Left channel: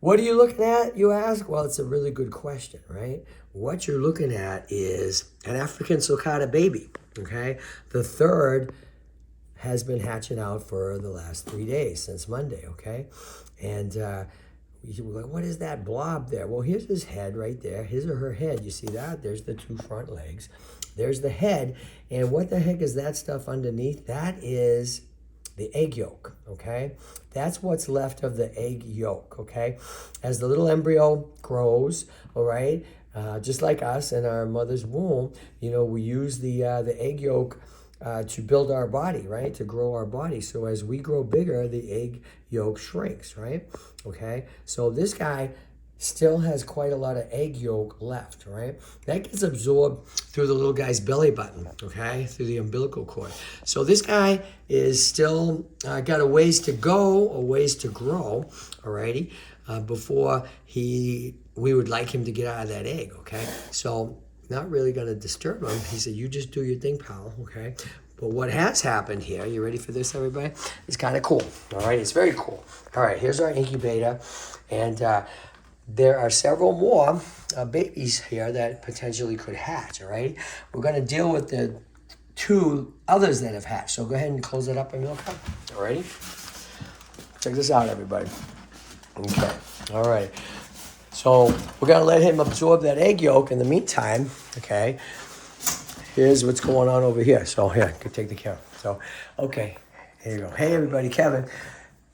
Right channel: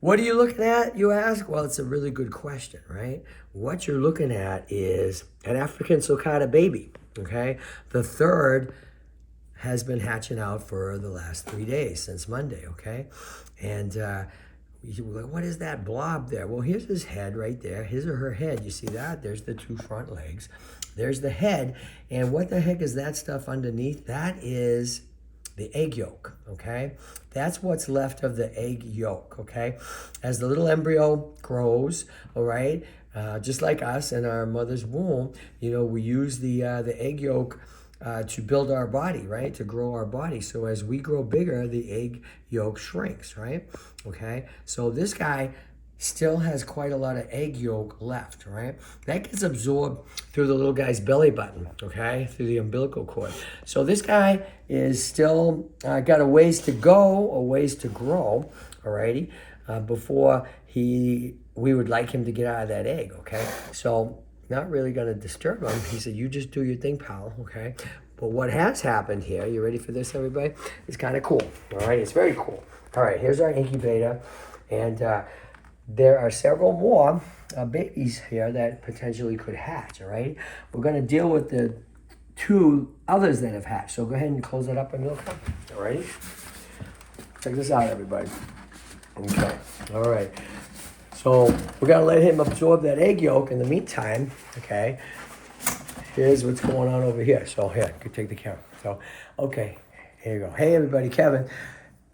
What are you looking at, you ask? Well, it's a really good question, right? What you're looking at is an African sulcata baby, okay? The third has been hatching out for the last 3 days, since Monday, okay? And you were like, what is that blob there? Well, here's his head right there. His or her head. You see that? There's the two front legs. There's the head. And what the heck is that stuff underneath? That is the egg yolk, okay? That's what's left of the egg yolk, okay? As the little embryo grows, all right, just like us in our mother's womb, you know, we use the egg yolk to build our body, right? To grow our body. So as we grow bigger, the egg yolk shrinks, right? Okay, so this guy still has quite a lot of egg yolk left, right? That gets absorbed through the little guy's belly button, okay, through the umbilical cord. So this guy is still got a ways to go, a ways to grow, alrighty, before we would like him to get out of that egg, okay? So not really going to disturb him. He said, you just do your thing, pal, okay? But what has happened here, you ready for this, everybody? It's kind of cool, all right? It's very cool. All right, here's our incubator, and there are several more babies here that potentially could hatch, all right? We're going to deal with the two others that have hatched. So go ahead and close it up, Emilka. All righty? Check this out, everybody. Okay, all right. So we're going to let him absorb that egg yolk in the meantime, okay? Here's what's going on over here. So here, go take the camera. So, okay, here you go. Hey, everybody, Kevin.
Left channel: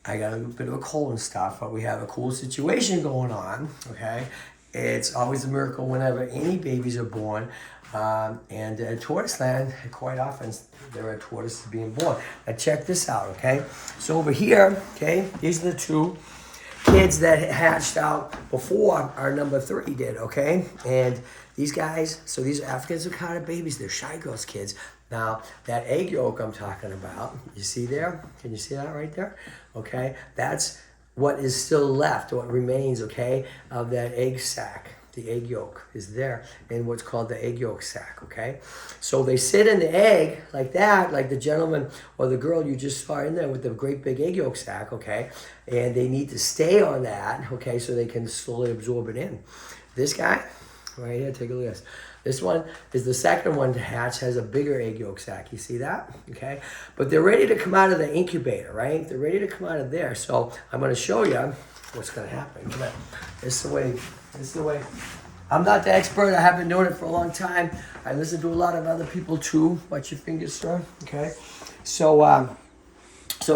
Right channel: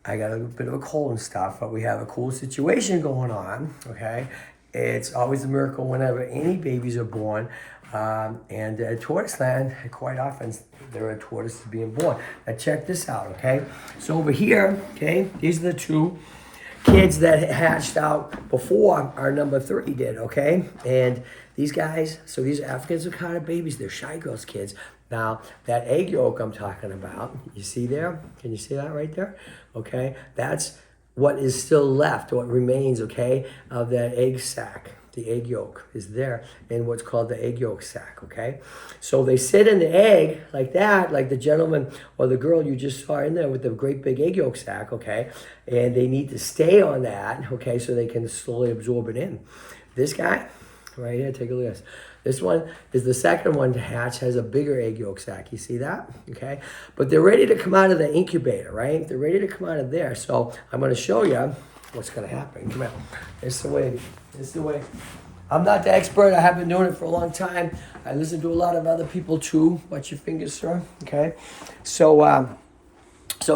I got a bit of a cold and stuff, but we have a cool situation going on, okay? It's always a miracle whenever any babies are born. And at Tortoise Land, quite often, there are tortoises being born. Now, check this out, okay? So over here, okay, these are the two kids that hatched out before our number 3 did, okay? And these guys, so these are African sulcata babies, they're Shy Girls kids. Now, that egg yolk I'm talking about, you see there? Can you see that right there? Okay, that's what is still left, what remains, okay, of that egg sac. The egg yolk is there in what's called the egg yolk sac, okay? So they sit in the egg like that, like the gentleman or the girl you just saw in there with the great big egg yolk sac, okay? And they need to stay on that, okay, so they can slowly absorb it in. This guy, right here, take a look at this. This one is the second one to hatch, has a bigger egg yolk sac. You see that? Okay? But they're ready to come out of the incubator, right? They're ready to come out of there. So I'm going to show you what's going to happen. Come on. This is the way. I'm not the expert. I have been doing it for a long time. I listen to a lot of other people too. Watch your fingers, sir. Okay? So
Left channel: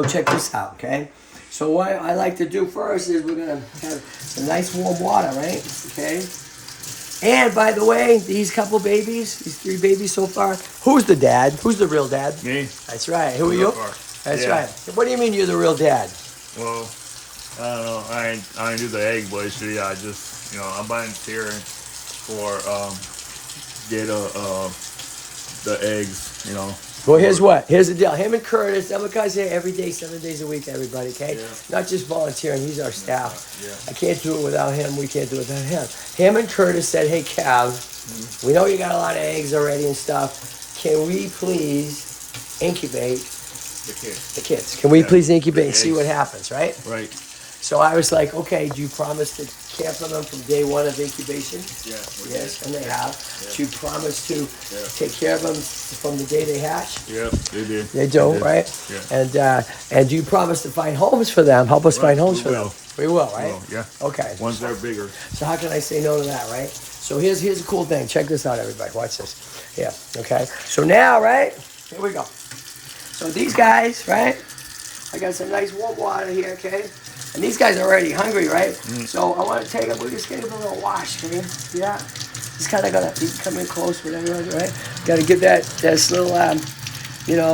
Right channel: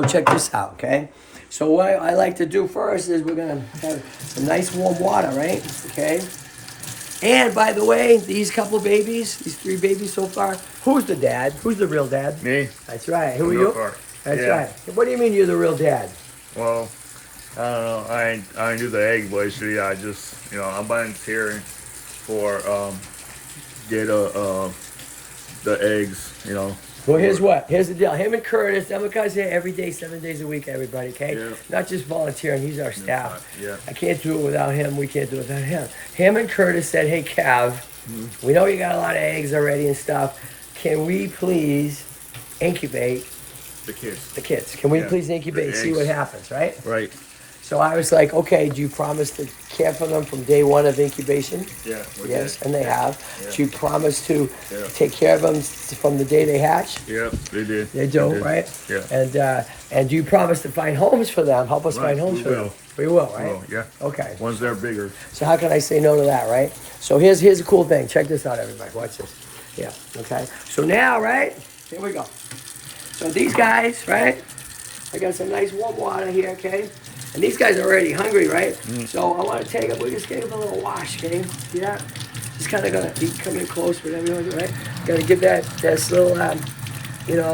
check this out, okay? So what I like to do first is we're going to have some nice warm water, right? Okay? And by the way, these couple babies, these 3 babies so far, who's the dad? Who's the real dad? Me. That's right. Who are you? That's right. What do you mean you're the real dad? Well, I don't know. I ain't do the egg boy shit. I just, I'm volunteering for get the eggs. Well, here's what. Here's the deal. Him and Curtis, I'm guy's here every day, 7 days a week, everybody, okay? Yeah. Not just volunteering. He's our staff. Yeah. I can't do it without him. We can't do it without him. Him and Curtis said, hey, Cav, we know you got a lot of eggs already and stuff. Can we please incubate the kids? Can we please incubate and see what happens, right? Right. So I was like, okay, do you promise to care for them from day 1 of incubation? Yeah. Yes, and they have. Yeah. Do you promise to take care of them from the day they hatch? Yep, they did. They do, right? Yeah. And do you promise to find homes for them? Help us find homes for them. We will, right? Well, yeah. Okay. Once they're bigger. So how can I say no to that, right? So here's a cool thing. Check this out, everybody. Watch this. Yeah, okay. So now, right, here we go. So these guys, right, I got some nice warm water here, okay? And these guys are already hungry, right? So I want to take them, we're just getting a little wash, okay? See that? Just kind of gonna be coming close with everyone, right? Got to give this little,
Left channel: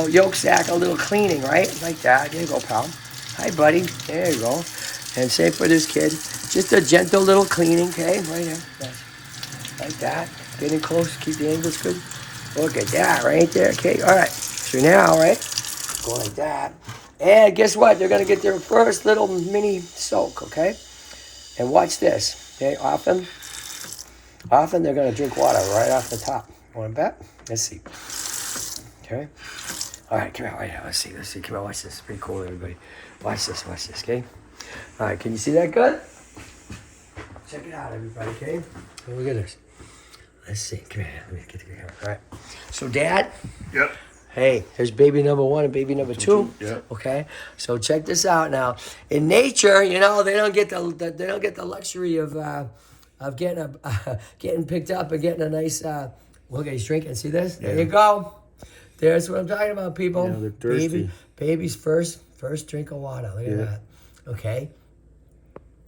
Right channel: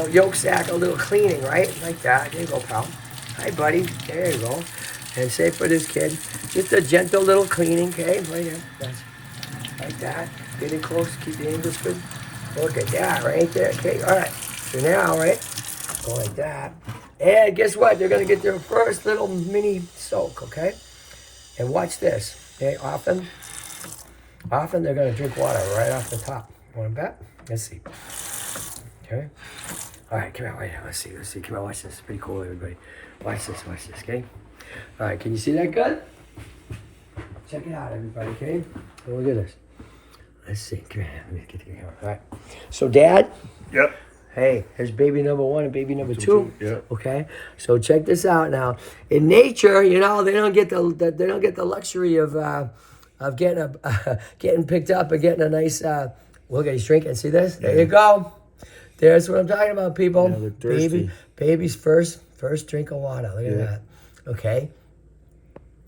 yolk sac a little cleaning, right? Like that. There you go, pal. Hi, buddy. There you go. And same for this kid. Just a gentle little cleaning, okay? Right here. Like that. Getting close. Keep the angles good. Look at that right there. Okay, all right. So now, right? Go like that. And guess what? They're going to get their first little mini soak, okay? And watch this. Okay, often they're going to drink water right off the top. Want to bet? Let's see. Okay. All right, come here. Right here. Let's see. Come on, watch this. Pretty cool, everybody. Watch this, okay? All right, can you see that good? check it out, everybody. Okay, so look at this. Let's see. Come here. Let me get the camera. All right. So, Dad. Yep. Hey, here's baby number 1 and baby number 2. Yeah. Okay, so check this out now. In nature, you know, they don't get the luxury of getting picked up and getting a nice. Look at he's drinking. See this? There you go. There's what I'm talking about, people. Yeah, they're thirsty. Baby's first drink of water. Look at that. Okay.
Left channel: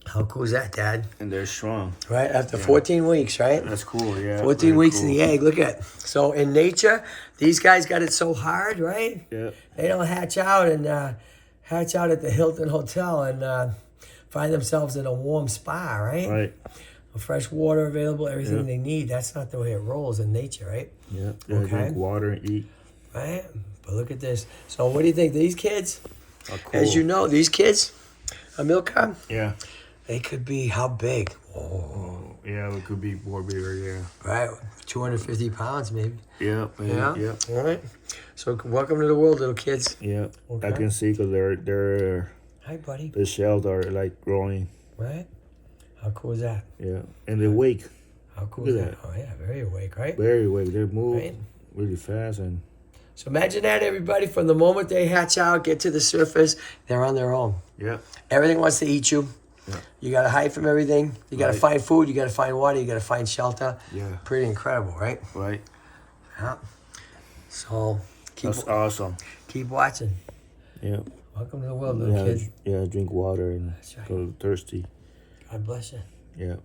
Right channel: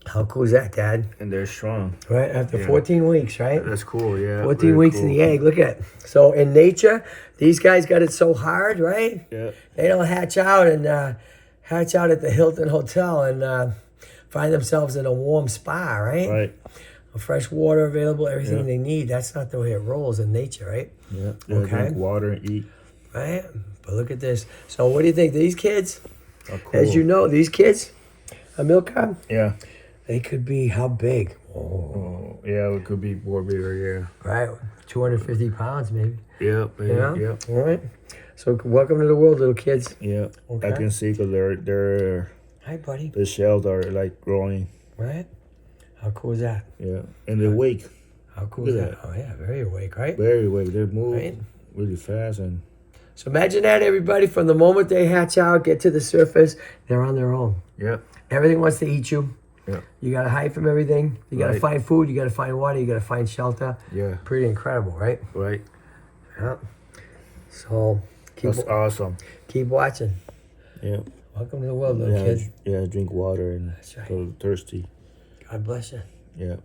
How cool is that, Dad? And they're strong. Right after 14 weeks, right? That's cool. Yeah. 14 very weeks cool. in the egg. Look at it. So in nature, these guys got it so hard, right? Yeah. They don't hatch out at the Hilton Hotel and find themselves in a warm spa, right? Right. Fresh water available, everything Yeah. they need. That's not the way it rolls in nature, right? Yeah. Okay. Drink water and eat. Right? But look at this. So what do you think? These kids, Oh, cool. as you know, these kids, a milk carton, Yeah. they could be how big? Oh, yeah. It could be more bigger. Yeah. Right? 250 pounds maybe. Yep. Yeah? Yep. All right. So welcome to the world, little kids. Yeah. Okay. I can see because Hi, buddy. the shells are like growing. Right? How cool is that? Yeah. And they wake How cool Look is at that? Oh, yeah, very awake, right? very awake. They move Right. really fast and So imagine that, everybody, from the moment they hatch out, get to the surface, they're on their own. yeah. Everything wants to eat you. Yeah. You got to hide from everything. You got to Right. find food. You got to find water. You got to find shelter. Yeah. Pretty incredible, right? Right. Yeah. So That's awesome. keep watching. Yeah. Welcome to the world, little Yeah. kids. Yeah. Drink water and That's right. so thirsty. God bless you. Yeah.